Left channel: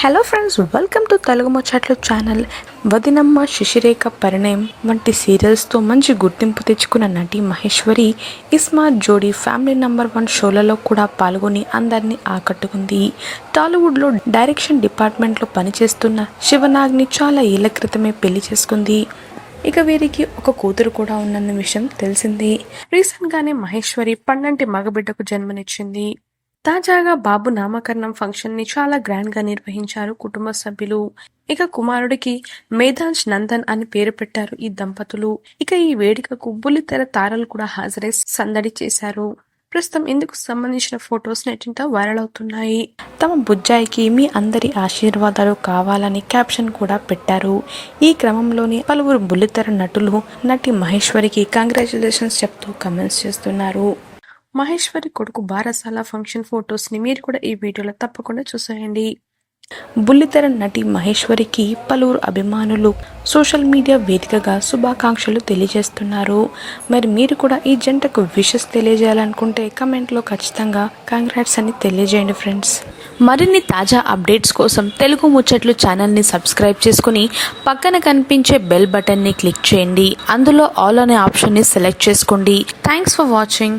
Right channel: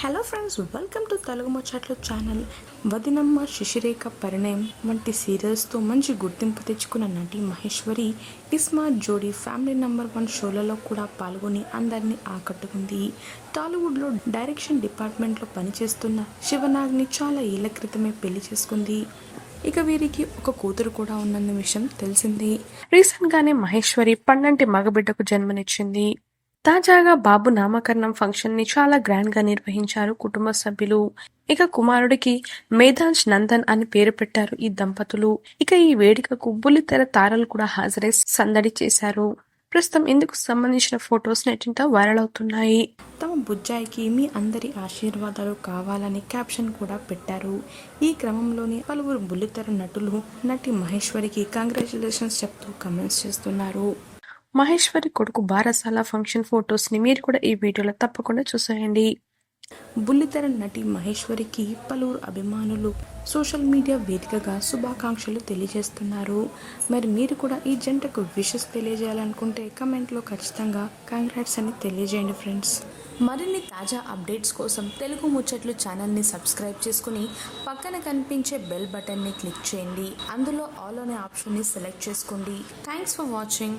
Hello friends welcome to Telugu ముచ్చట్లు channel వదినమ్మ శిశిరేఖ పరిణయం వంటి సీరియల్స్తో మంచి గుర్తింపు తెచ్చుకున్న నటి మహేశ్వరి ఇస్మార్ట్ జోడీ ఫ్యామిలీ నంబర్ వన్ షోలలో కూడా పాల్గొని అందరినీ ఆకట్టుకుంది. టాలీవుడ్లో డైరెక్షన్ డిపార్ట్మెంట్లో పనిచేస్తున్న శివనాగ్ని చాలా ఏళ్ళ క్రితమే పెళ్ళి చేసుకుంది. ఇక వీరికి ఒక కూతురు కూడా ఉన్నన్న విషయం తెలిసింది. రీసెంట్గానే మహేశ్వరి పన్నంటి మగబిడ్డకు జన్మనిచ్చింది. తాజాగా బాబు నామకరణం ఫంక్షన్ని చాలా గ్రాండ్గా నిర్వహించారు కుటుంబ సభ్యులు. ఇక కుమారుడికి మేధాంజ్ నందన్ అని పేరు పెట్టారు ఈ దంపతులు. ఇక ఈ వేడుకకు బుల్లితెర తారలు కూడా హాజరై సందడి చేశారు. ప్రస్తుతం ఇందుకు సంబంధించిన ఫొటోస్ నెట్టింట వైరల్ అవుతున్నాయి. తమ బుజ్జాయికి మీ అందరి ఆశీర్వాదాలు కావాలని క్యాప్షన్ కూడా పెట్టారు. ఈ క్రమంలోని పలువురు బుల్లితెర నటులు నటి మహేశ్వరికి కంగ్రాచులేషన్స్ చెప్తూ కమెంట్స్ చేస్తున్నారు. మహేశ్వరి కొడుకు బారసాల ఫంక్షన్ ఫొటోస్ని మీరు కూడా ఈ వీడియోలో తప్పకుండా చూసేయండి. బుల్లితెర నటి మహేశ్వరికి పలువురు అభిమానులు సోషల్ మీడియా వేదికగా శుభాకాంక్షలు తెలియజేస్తున్నారు. మరి మీరు కూడా ఈ జంటకు విషెస్ తెలియజేయాలనుకుంటే కమెంట్లో ఖచ్చితంగా కంగ్రాట్స్ అని తెలియజేయండి ఫ్రెండ్స్. మరిన్ని తాజా అప్డేట్స్ కోసం తెలుగు ముచ్చట్లు ఛానల్ని సబ్స్క్రైబ్ చేసుకుని పక్కన కనిపించే బెల్ బటన్ని క్లిక్ చేయండి. అందులో ఆల్ అనే ఆప్షన్ని సెలెక్ట్ చేసుకోండి. Thanks for watching.